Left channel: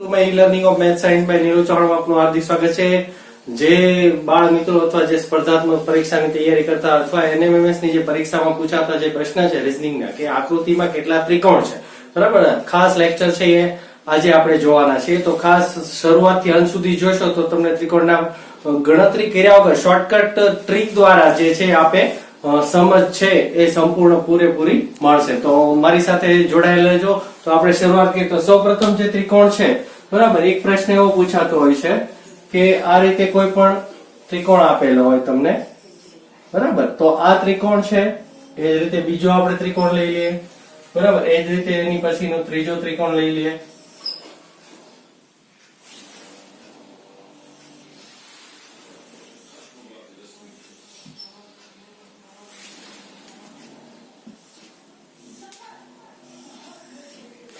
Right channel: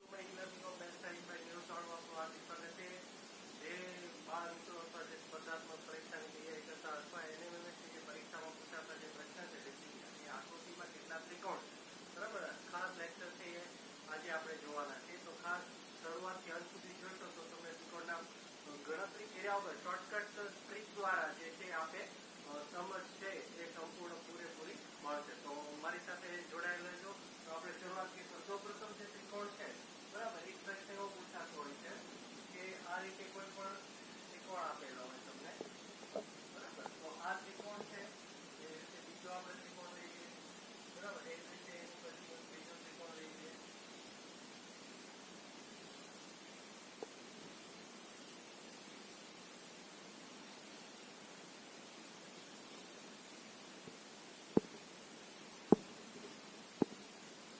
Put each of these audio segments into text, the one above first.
My learning of math science by Neeraj Chauhan આપનું હાર્દિક સ્વાગત છે। જે બાળ મિત્રો અથવા જે સ્પર્ધાત્મક પરીક્ષાની તૈયારી કરતા અથવા એનએમએમએસ ની જે પરીક્ષામાં પૂછાતા જે પ્રશ્ન છે રીઝનિંગના કે આકૃતિમાં કેટલા ત્રિકોણ છે, બરાબર, ખાસ લેક્ચર છે એ આજે આપણે જોવાના છે। તો ખાસ શરૂઆતથી અંત સુધી જોશો તો તમને ત્રિકોણના ગણતરી કર્યા વગર શોર્ટકટ ટ્રીક દ્વારા જે છે આપે સમજ છે એ સંપૂર્ણ પૂરેપૂરી મળશે। તો મારી સાથે જોડાયેલા રહેજો। તો આપણે શરૂઆત કરીએ તો સૌપ્રથમ જે ત્રિકોણ છે, બરાબર, એક પ્રશ્ન એવો પૂછાતો હોય છે કે આ રીતે કોઈ પણ ત્રિકોણ આપેલો હોય તમને, બરાબર, તો આ ત્રિકોણ છે, એ જ રીતે બીજો આપણે ત્રિકોણ લઈ લઈએ, બરાબર, એ જ રીતે એની પછીનો ત્રીજો ત્રિકોણ લઈ લઈએ,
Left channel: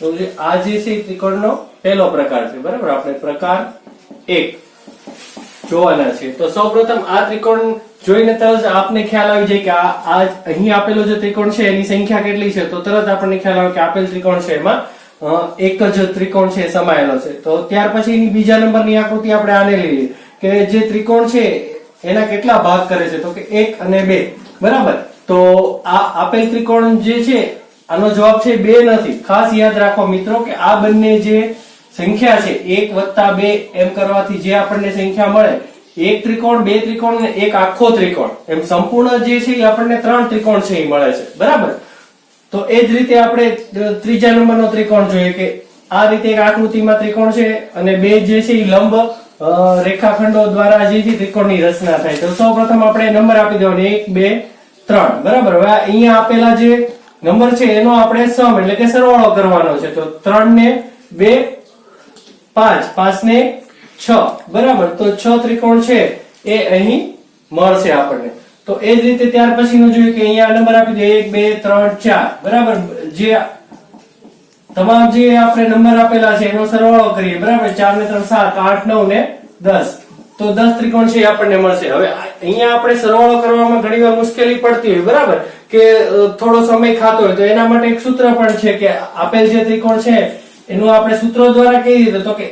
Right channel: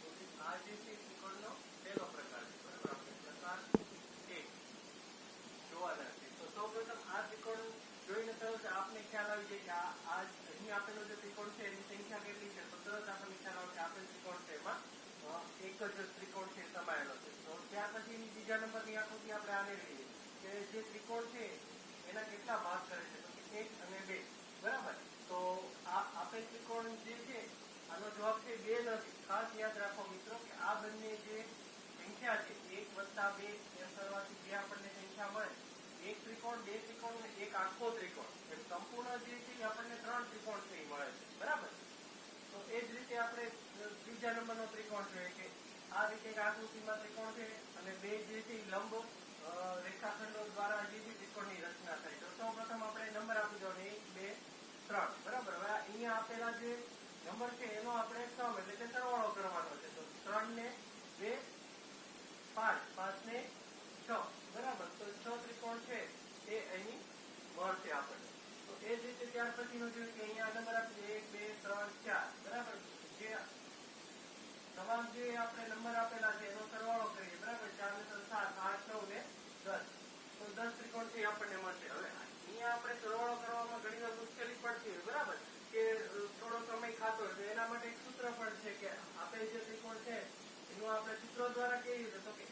તો આ જે છે ત્રિકોણનો પહેલો પ્રકાર છે, બરાબર, આપણે પ્રકાર 1 જોવાના છે। તો સૌપ્રથમ આ ત્રિકોણ જોઈને તરત આપને ખ્યાલ આવી જાય કે આ અહીં આપેલો જે ત્રિકોણ છે એની સંખ્યા કેટલી છે, તો તરત આપણને ખ્યાલ આવે કે આપેલ ત્રિકોણ છે એમાં એક જ ત્રિકોણ છે સમાયેલો છે। તો ત્યાર પછી બીજા નંબરની આકૃતિ આપણે આને લઈએ કે જે ત્રિકોણ છે એના કેટલા ભાગ કરે છે, તો કે 1 અને 2, બરાબર। તો આ આપેલ ત્રિકોણ જે છે આનો જવાબ છે 2 નથી। ખાસ યાદ રાખો મિત્રો કે આ બંને જે સંખ્યા છે 1 + 2 એમ કરવાથી જે આપણને સંખ્યા મળે, એક ત્રિકોણ, બે ત્રિકોણ અને એક આખો ત્રિકોણ, એમ સંપૂર્ણ જે છે એ આપણને 3 ત્રિકોણ છે એ મળે છે, બરાબર। તો એ જ રીતે આપણે ત્રીજા નંબરનો ત્રિકોણ જોઈએ કે આ રીતે એક આકૃતિમાં ત્રિકોણ છે અને બે જે છે એ લંબ રેખાખંડો દ્વારા જે છે ત્રિકોણની રચના થાય। તો સૌપ્રથમ આપણે નંબર આપી દેવાનો 1 2 3, બરાબર। હવે અહીંયા આપેલા જે નંબર છે એનો આપણે સમ એટલે કે સરવાળો કરવાનો છે। તો 3 ને 2 5, 5 ને 6, બરાબર। તો 6 ત્રિકોણ છે એ અહીં મળશે આપણને। તો એ જ રીતે ત્યાર પછીનું જોઈએ કે અહીંયા નંબર આપી દે 1 2 3 4, બરાબર। જે તમામ જે આપણે નંબર આપેલા છે એનો સરવાળો કરીએ, બરાબર, 4 ને 3 7 8 9 ને 10, તો 10 ત્રિકોણ છે આપણને મળશે। હવે અહીંયા આપણે સરવાળો કરવામાં ઘણીવાર મુશ્કેલી પડતી હોય, બરાબર, કે થોડો સમય ખાતો હોય, તો એના માટે એક સૂત્ર પણ છે કે આપેલ જે ત્રિકોણ છે એનું આપણે સૂત્રો દ્વારા કેવી રીતે, તો કે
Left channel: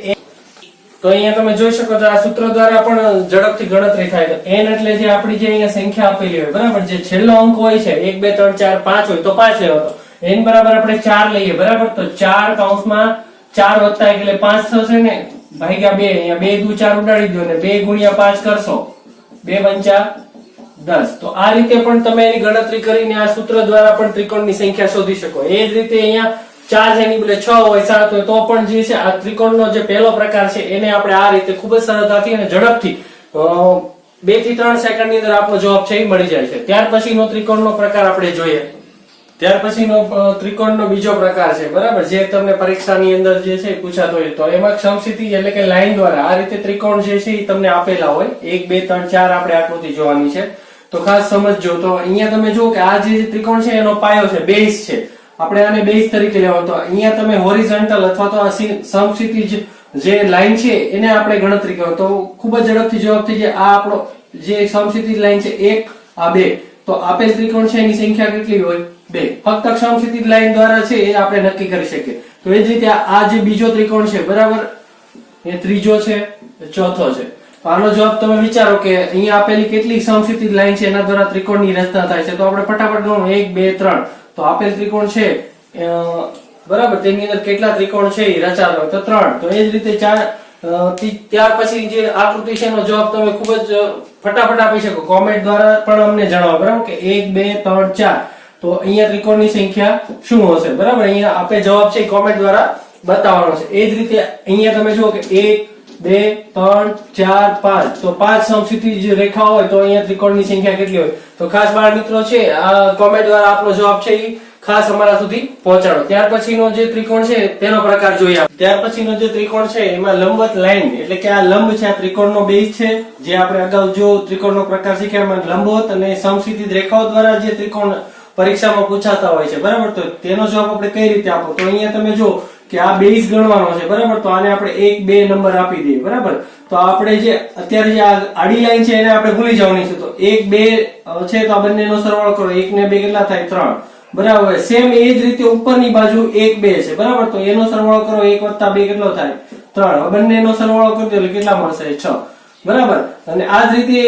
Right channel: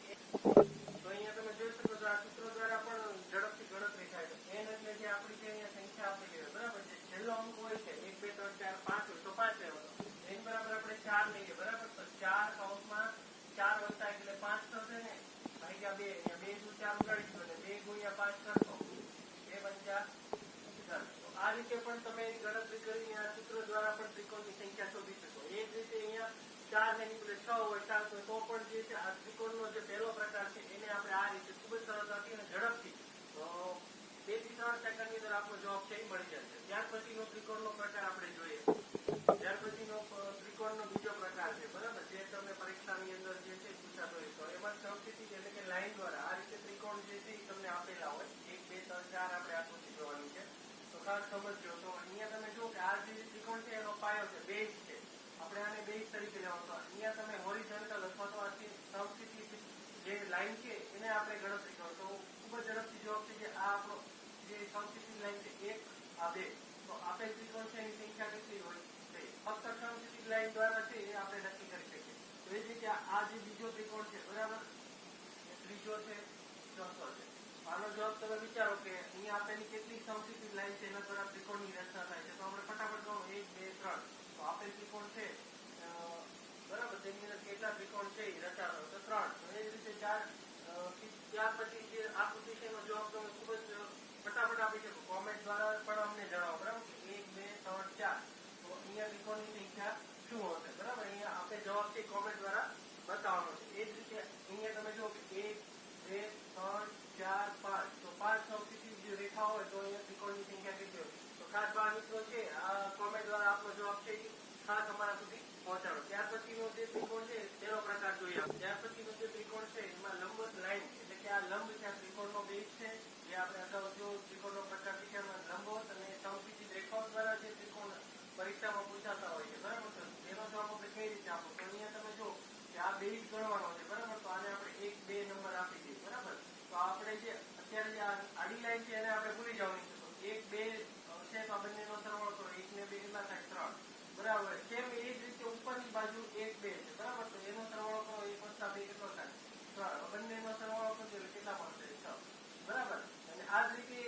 તો અહીંયા તમે જોઈ શકો છો આ સૂત્ર દ્વારા પણ ઝડપથી ગણતરી થાય। તો n એટલે જે આપણી જે અહીંયા સંખ્યા આપેલી હોય, બરાબર, જે છેલ્લો અંક હોય છે 1 2 3 4 5 હોય તો 5 લેવો, તો n બરાબર આપણે 4 લઈએ, બરાબર। તો 4 કૌંસમાં 4 વત્તા એટલે 5 થશે ને, ભાગ્યા 2, અહીંયા 2 દુ 4 ઉડાડી દો ને 2 ગુણ્યા 5 કરશો, 2 પંચા 10। તો આ રીતે પણ તમે એની ગણતરી કરીને આ સૂત્ર દ્વારા પણ ત્રિકોણની સંખ્યા શોધી શકો। એ જ રીતે અહીંયા 4 છે એની બદલે 6 હોય 7 હોય તો પણ જે છે આ ત્રિકોણનો જે પહેલો પ્રકાર છે એને આપણે આ રીતે ખૂબ જ સરળતાથી અને ઝડપથી 2 થી 3 સેકન્ડની અંદર આપણો જવાબ છે એ મળી જાય છે। ત્યાર પછીનો ત્રિકોણનો પ્રકાર આપણે જોઈએ। ત્યાર પછીનો ત્રિકોણનો બીજો પ્રકાર છે, બરાબર, જે તમને પરીક્ષાની અંદર જે છે પૂછાતો હોય, તો એમાં સમક્ષિતિજ એટલે કે લાઈન દ્વારા આ રીતે ત્રિકોણ જે છે એ તમને આપેલા હોય 1 2 3 4 આપણે આકૃતિ જોવાની છે। તો ખાસ સમજજો। તો અહીંયા તમે જુઓ કે આ જે ત્રિકોણ છે એનો પાયો છે, બેઝ છે, આપણે આને બેઝ તરીકે લેવાનો। તો અહીંયા તમે હોરિઝોન્ટલ અથવા તો સમક્ષિતિજ જે લાઈન છે એને આપણે ગણતરી કરો તો ખૂબ જ ઝડપથી જવાબ થઈ જાય। આ આપણો જે સમક્ષિતિજ લાઈન છે 1 આ 2, તો આપેલ ત્રિકોણ છે એની સંખ્યા કેટલી હોય 2, ફક્ત સમક્ષિતિજ લાઈન દ્વારા છે એ આપણે નક્કી કરી શકીએ। તો એ જ રીતે આ જે બીજો ત્રિકોણ છે, બરાબર, એ ત્રીજો છે, ચોથો છે। તો આનો જવાબ તમે વિચારો કે અહીંયા આપેલી કેટલી સમક્ષિતિજ લાઈન છે એના દ્વારા ત્રિકોણની રચના થાય છે। તો આપણે ફટાફટ ગણો 1 2 3, તો આપેલ ત્રિકોણ છે બરાબર તેની અંદર કેટલા ત્રિકોણ છે એ રચાતા હોય તો 3। તો એ જ રીતે ત્યાર પછી જે આકૃતિ છે એનો જવાબ તમે ખૂબ જ ફટાફટ આપી શકો, કોમેન્ટ દ્વારા પણ અમને જણાવો, બરાબર, કે 1 2 3 4, તો અહીંયા ત્રિકોણની સંખ્યા શું હશે, બરાબર। અહીંયા આપણે જવાબ છે કોમેન્ટ દ્વારા બતાવવાનો છે। એ જ રીતે અહીંયા તમે જુઓ કે 1 2 3 4 5, તો 5 સમક્ષિતિજ રેખા હોય તો અહીંયા ત્રિકોણની સંખ્યા કેટલી હોય। તો ખાસ બાળ મિત્રો છે આ કોમેન્ટ દ્વારા આપનો જવાબ છે એ ખાસ અમારા સુધી પહોંચાડો। ત્યાર પછીનો જે ત્રિકોણ છે તેનો પ્રકાર જોઈએ। ત્યાર પછીનો જે ત્રિકોણ છે એમાં લંબવત લાઈન એટલે કે આ લંબ છે, આ ત્રિકોણનો બેઝ છે, જે આપણે અગાઉ જો ત્રિકોણનો પ્રકાર શીખ્યા એમાં લંબવત અને સમક્ષિતિજ રેખાઓ દ્વારા જે ત્રિકોણ પરીક્ષામાં પૂછાતા હોય છે, બરાબર। તો તેનો જવાબ આપણે કઈ રીતે આપો, તો અહીંયા તમે જો કે આ બેઝ ગણવાનો છે, બરાબર। તો આને આપણે 1 2 નંબર આપી દઈએ, બરાબર। તો આપણે જે અત્યારે જે આડી લાઈન છે એને આપણે ભૂલી જવાની છે। તો 1 2 છે તો આ બંનેનો સરવાળો કરો, 1 ને 2 કેટલા થાય 3, બરાબર। સેમ એ જ રીતે ઉપરની બાજુ 1 2 છે, બરાબર। તો એનો સરવાળો કરો, 1 + 2 કેટલો થાય 3 બંનેનો સરવાળો કરી દો એટલે કેટલા મળશે 6 બરાબર અને આ જ રીતે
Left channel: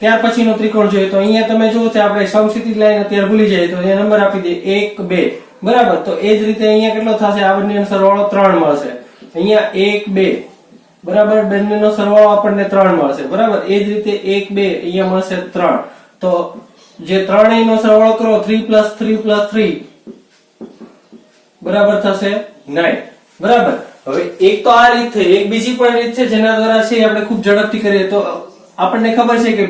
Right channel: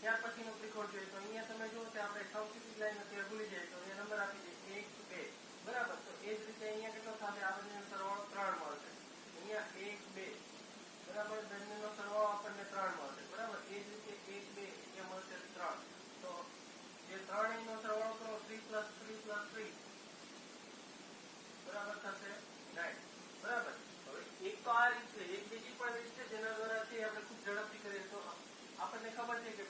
ત્યાર પછીનો ત્રિકોણ જોઈએ તો અહીંયા તમે જુઓ છો આપણે સમક્ષિતિજ લાઈન અત્યારે ભૂલી જાય તો એ નંબર આપી દે 1 2 બરાબર તો એ જ રીતે અહીંયા કેટલો થશે આ બંનેનો સરવાળો 3 મળશે અહીંયા 1 2 બરાબર બંનેનો સરવાળો આપણને 3 મળશે બરાબર એ જ રીતે 1 2 અહીંયા મળશે 3 તો જે ત્રણેયનો સરવાળો કરો 3 + 3 + 3 બરાબર થશે 9 બરાબર હવે એક તો આ રીત થઈ એક બીજી પણ રીત છે જેના દ્વારા છે આપણે ખૂબ ઝડપથી કરીએ તો આપણને ખબર છે કે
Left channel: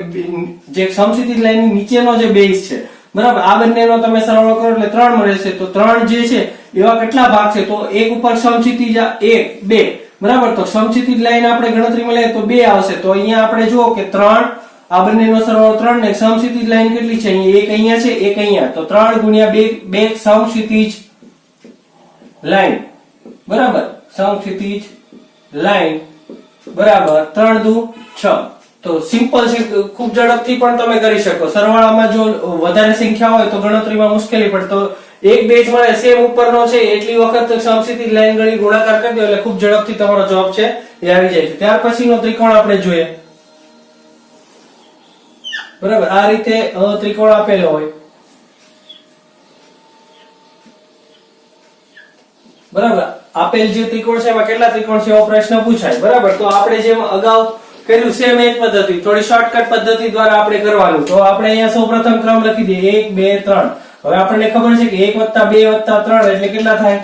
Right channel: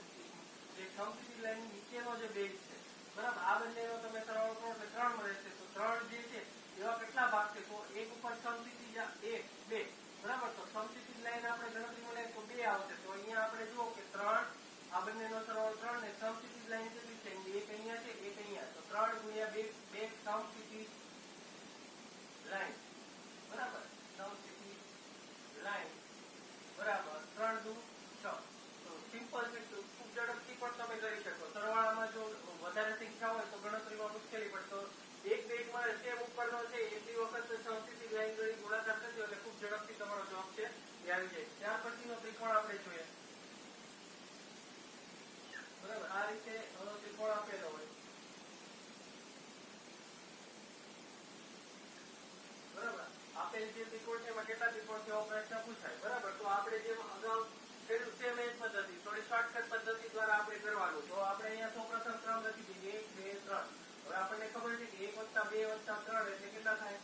જે સમક્ષિતિજ લાઈનની નીચેનો જે બેઝ છે બરાબર આ બંનેનો તમે સરવાળો કરો એટલે 3 મળે છે તો 3 જે છે એવા કેટલા ભાગ છે તો એક ઉપર સમક્ષિતિજ 1 2 બરાબર તો સમક્ષિતિજ લાઈન આપણે ગણતરીમાં લઈએ તો 2 આવશે તો અહીંયા આપણે જુઓ કે 3 આ બંનેનો સરવાળો 3 ને સમક્ષિતિજ લાઈન કેટલી છે અહીંયા એક અહીંયા છે એક અહીંયા તો 3 × 2 બે સમક્ષિતિજ લાઈન બરાબર સમક્ષિતિજ લાઈન બરાબર 3 દુ 6 તો સિમ્પલ છે ખૂબ ઝડપથી પણ તમે કરી શકો સરવાળામાં જો વધારે સંખ્યા હોય તો ગણતરીમાં મુશ્કેલી પડે તો એક બેઝ મળે સેમ ઉપરનો છે એટલી વખત સમક્ષિતિજ લાઈન ગણી ગુણાકાર કરી દો એટલે ખૂબ ઝડપથી તમારો જવાબ છે એ આવી જાય છે ત્યાર પછીનો ત્રિકોણ આપણે જોઈએ બરાબર આ રીતે ત્રિકોણ આપેલો હોય બરાબર આપેલ જે ત્રિકોણ છે એમાં કેટલા ત્રિકોણ છે એવો પ્રશ્ન પૂછાય બરાબર તો આપણે જેમ અગાઉ કર્યું સેમ એ જ પદ્ધતિ થોડી શોર્ટકટ પદ્ધતિ દ્વારા આપણે કરવાનું તો આપણે અહીંયા સૌપ્રથમ ક્રમ લખી દઈએ 1 2 3 હવે આપણને ખબર છે કે 1 + 2 + 3 એટલે કેટલા થાય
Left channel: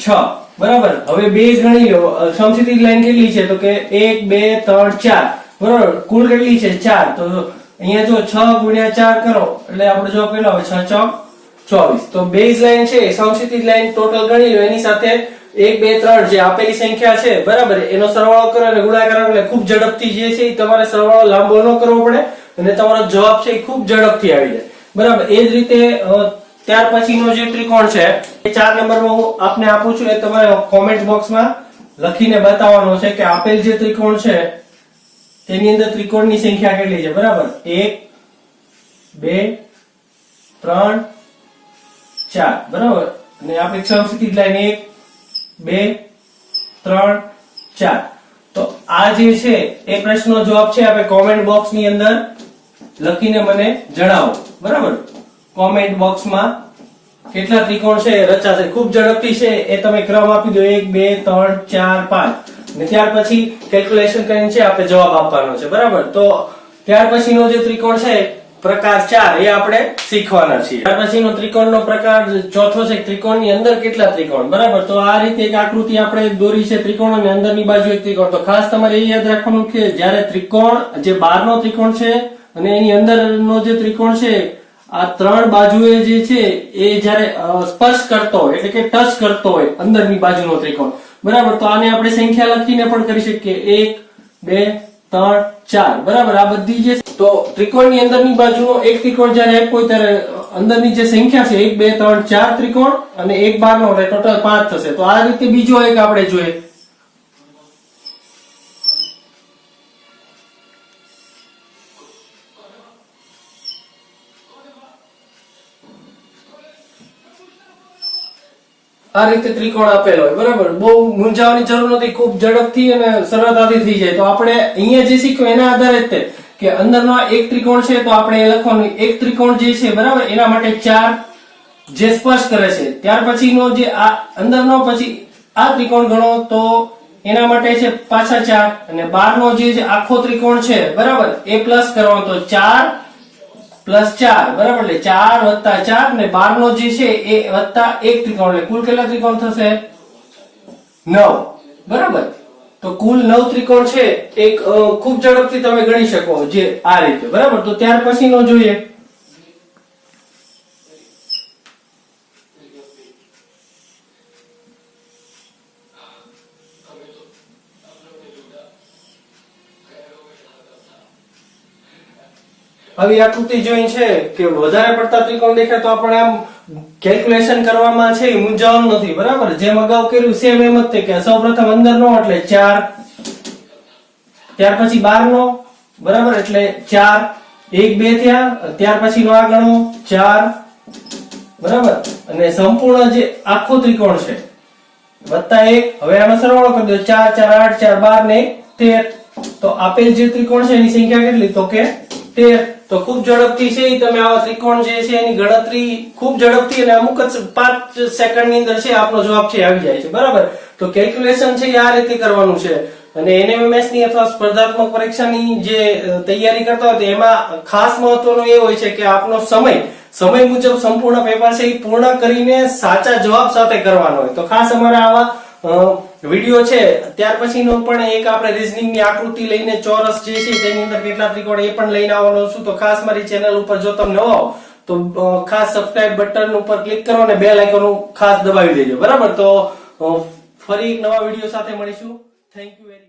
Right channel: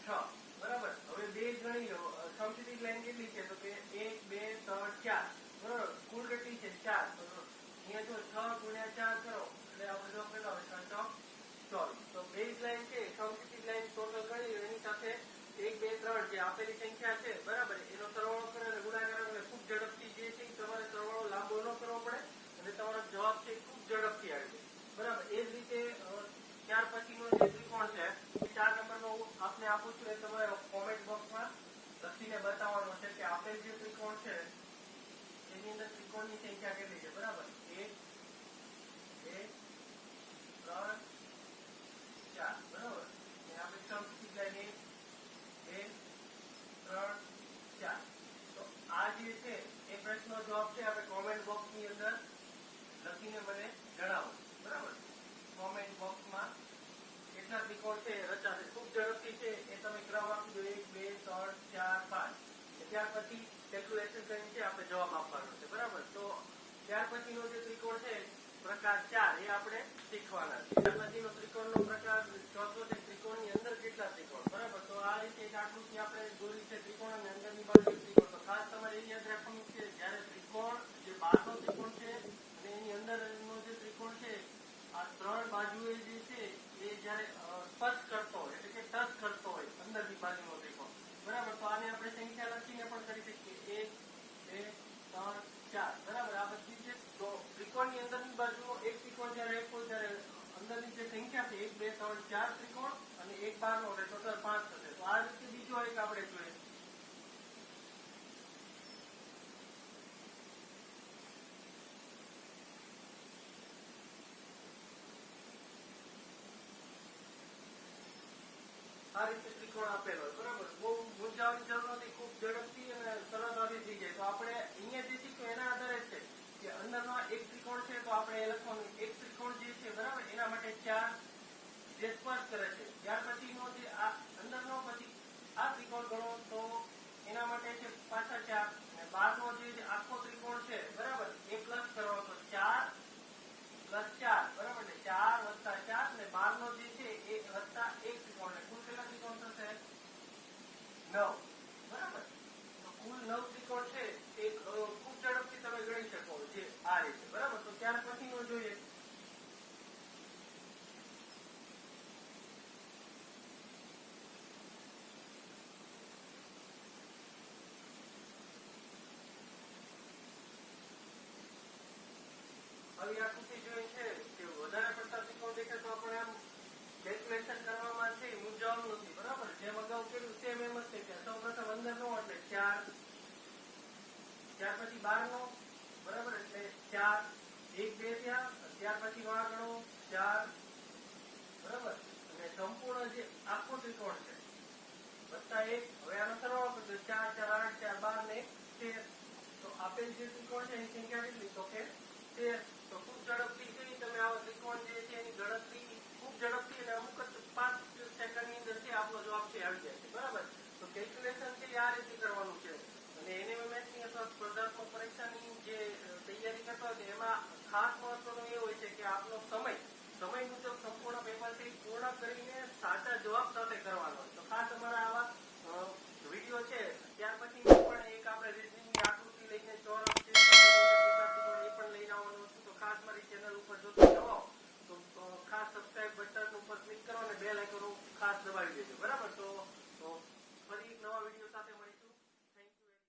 6 બરાબર હવે બેઝ ગણી લો સમક્ષિતિજ લાઈન કેટલી છે તો કે 1 2 3 4 બરાબર કુલ કેટલી છે 4 તો અહીંયા જો 6 × 4 કરો એટલે આપણો જવાબ કેટલો આવે 6 ચોક 24 તો બેઝ લાઈન છે સમક્ષિતિજ લાઈન ટોટલ ગણી લો એની સાથે 1 2 3 જે આપેલી સંખ્યા છે બરાબર એનો સરવાળો કરો અને ગુણાકાર કરો એટલે ખૂબ ઝડપથી જે છે તમારે સરવાળો લાંબો ન કરવો પડે અને તમારો જવાબ છે એ ખૂબ ઝડપથી આવી જાય બરાબર એ જ રીતે ત્યાર પછીનો જે ત્રિકોણ છે એ 4 નંબરમાં હું આપને આપું છું એ તમારે કોમેન્ટ બોક્સમાં લખીને બતાવવાનો છે કે આપેલ જે ત્રિકોણ છે તેની અંદર ત્રિકોણની સંખ્યા કેટલી છે બરાબર 1 2 3 4 બરાબર અને આપણી સમક્ષિતિજ લાઈન 1 2 3 4 તો આ જે છે એ પ્રશ્નનો જવાબ છે આપણે કોમેન્ટ બોક્સ ની અંદર લખીને મને જણાવો બરાબર કોમેન્ટ બોક્સમાં કેટલા ત્રિકોણ છે રચાશે ખૂબ ઝડપથી છે એ તમે ક્રમ આપી દો 1 2 3 4 5 અને ત્યાર પછી કેલ્ક્યુલેશન કરીને છે આપણે જવાબ આપવાનો છે બરાબર તો ત્યાર પછીનો જે ત્રિકોણ છે પ્રકાર 4 એ આપણે શીખવાના છીએ ત્યાર પછીનો ત્રિકોણનો પ્રકાર ચોથો છે ત્રિકોણની અંદર કેટલા ત્રિકોણ બરાબર તો આ રીતે એક આકૃતિ આપણે દોરી છે ત્રિકોણ અને અંદરની બાજુ એક ત્રિકોણ તો ખાસ તમારે એ યાદ રાખવાનું કે જ્યારે ત્રિકોણ જે બહારનો ત્રિકોણ છે અને એની અંદરનો જે ત્રિકોણ છે આ ત્રણ બાજુએ જે છે એ જ્યારે સ્પર્શ કરતો હોય એટલે કે ટચ કરતો હોય અંદરની બાજુનો ત્રિકોણ બરાબર તો આને આપણે સંખ્યા લખીને પણ કરી શકીએ 1 2 3 4 બરાબર આ બધી જે તો ત્રિકોણની અંદરની બાજુનો એક ત્રિકોણ જ્યારે આપ્યો ત્યારે અંદરની જે સંખ્યા છે 1 2 3 4 ત્રિકોણ અને એક બહારનો એટલે ટોટલ 5 થશે તો આ રીતે બીજો એક આપણે જોઈએ આ રીતે ત્રિકોણ આપેલો હોય બરાબર બહુ મૂંઝાવાની જરૂર નથી ખૂબ ઝડપથી અને સરળતાથી થઈ જાય તો આપણે અહીંયા જે શીખ્યું એના આધારે જ કે અંદરનો એક ત્રિકોણ છે તો આપણે એ લખવાનું એક ત્રિકોણ જે છે બરાબર એના માટે 4 જે સ્પર્શ કરે છે ત્યાર પછીનો જે આ અંદરનો પછી આ ત્રિકોણ ગણો તો એના માટે છે પાછા 4 અને બહારનો જે આખો ત્રિકોણ છે બરાબર એ પ્લસ કરવાનો તો 4 + 4 બરાબર એટલે 4 + 4 ને બહારનો જે છે એ વત્તા એક ત્રિકોણ એટલે કુલ કેટલા ત્રિકોણ થશે 9 બરાબર તો કુલ 9 ત્રિકોણ છે એક ખૂબ ઝડપથી તમે ગણી શકો જે આ રીતે બરાબર તો ત્યાર પછીનો જોઈએ આવી આકૃતિ જોઈ છે કે વધારે પડતા ત્રિકોણ દેખાય તો આપણે આમ કેલ્ક્યુલેશન કરવામાં છે મૂંઝાવાનું નથી બરાબર જેમ અગાઉ કર્યું સેમ એમ જ કે સૌપ્રથમ અંદરનો એટલે 4 ત્યાર પછી બહારનો બરાબર એટલે 4 1 2 થયા ત્યાર પછીનો આ ગણો 4 બરાબર અને સંપૂર્ણ જે આખો ત્રિકોણ છે +1. હવે આનો સરવાળો કરી દો. 4 4 8 4 12 ને 13. તો આપેલ જે ત્રિકોણ છે એની સંખ્યા કેટલી? તો કે 13. તો ખૂબ ઝડપથી છે તમે આવા ત્રિકોણ જે છે એની ગણતરી ખૂબ ઝડપથી અને અમુક જ 5 સેકન્ડ ની અંદર છે આપનો જવાબ છે આવી જાય છે. બરાબર? તો કેલ્ક્યુલેશન છે આ રીતે કરવાનું છે. અને NMMS ની અથવા સ્પર્ધાત્મક પરીક્ષાની જે તૈયારી કરતા હોય એમાં ખાસ મહત્વનું એ હોય છે કે આપનો સમય મુજબ સંપૂર્ણ પેપર છે એ પૂર્ણ કરીને સાચા જવાબ સાથે કરવાનો હોય. તો ખાસ અમારા આવા વિડિયો છે ત્યાર પછીનો પણ એક આપણે રીઝનિંગ ની આકૃતિ લઈને ચોરસ જે છે તેની અંદર કેટલા ત્રિકોણ એ પણ લઈને આવવાનો છું. તો ખાસ મારી ચેનલ ઉપર જો તમે નવા હો તો ખાસ સબસ્ક્રાઇબ બટન ઉપર ક્લિક કરો અને બેલ આઇકોન ખાસ દબાવી દેજો. બરાબર? તો ફરી એક નવા વિડિયો સાથે મળીશું. Thank you very